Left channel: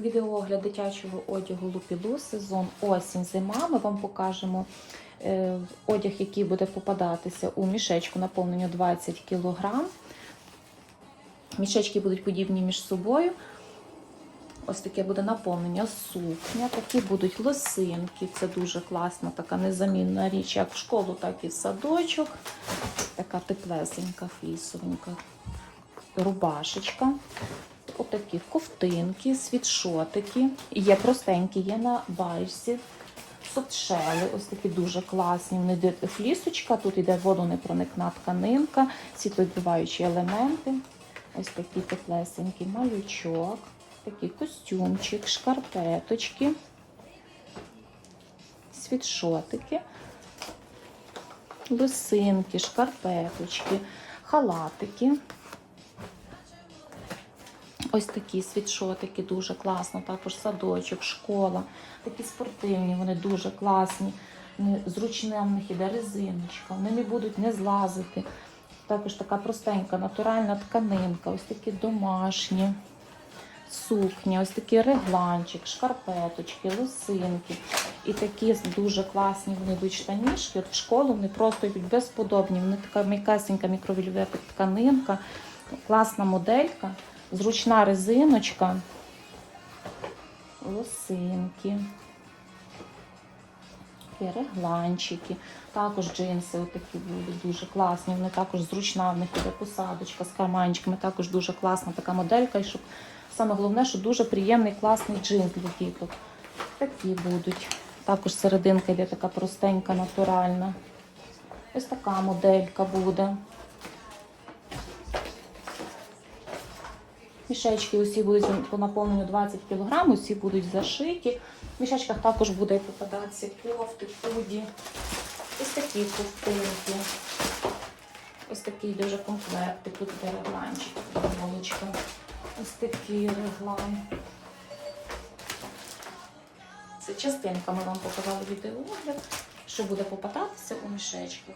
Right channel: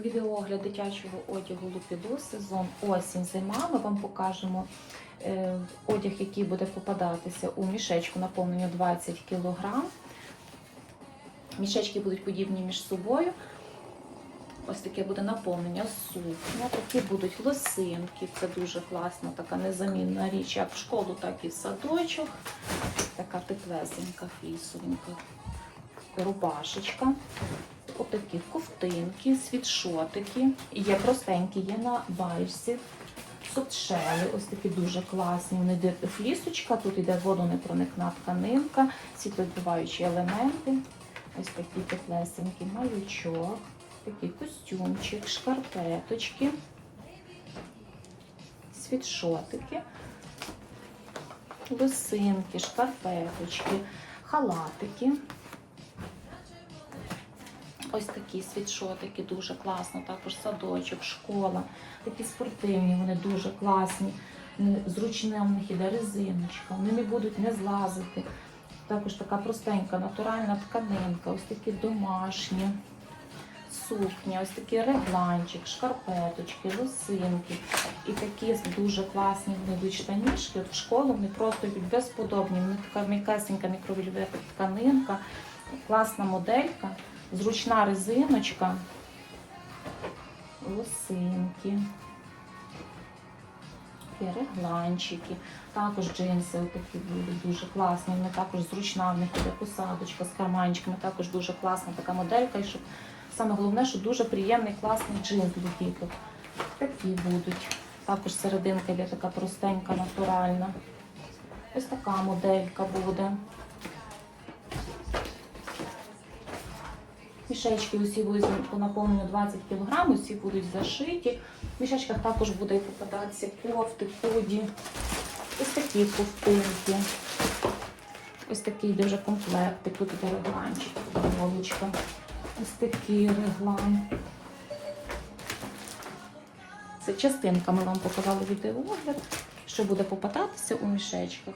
Відеоогляд дитячого одягу Лупілу, сезон осінь, зима. Ми вам покажемо е, одяг, який буде попадатися у мішечку наповнення 20 кг. Мішечки будуть подібні між собою. Ось таке буде наповнення сукня, такі будуть лосинки. Це дуже класна, така незамінна річ, як в школу, так і в садочок. Така теплесенька, флісовенька рубашечка. Отакі ковтинки, світшотики. Є простенькі, є на вальсі. Софтшели, ось такі дуже класні. Не флісочка, тут йде водонепроникна тканинка, світловідбиваючі елементи. Ось такі теплесенькі малючок, такий костюмчик, шкарпеточки, світшотики, лосинки, шкарпеточки, халатики. Ось такі світшотики дуже класно, також садочок, школа, такі спортивні, вони дуже класні. Зручна в них іде резиночка, вони не будуть не злазити. Також така простенька натуральна тканинка, ось такі домашні сукні, ось такий регланчик, шкарпеточки, лосинки. І такі дуже класні вони йдуть штанішки. В школу вони просто йдуть безподобні. Вони така м'якасенька мікровільвета тканинка, класна моделька. Зручна резиночка, лосинки, регланчики. Також джинси такі будуть дуже класні. Вони також зручна, в них буде посадочка з карманчиками. Також дуже класна така моделька. І щоб саме головне, що дуже приємний класний джинс для діток. Такі будуть. Також серединка йде така простенька, натуральна. Ось така моделька буде. Мішечки усі будуть по наповненню 20 кг, усі будуть зашиті. В мішечках також буде попадатися кофти, худі. Ось такі ковтинки. Ось такий дуже комплект. Тут іде регланчик, футболочка. Ось такий реглан. Це частинка, ми вам показали відеоогляд, що буде попадатися у мішечках.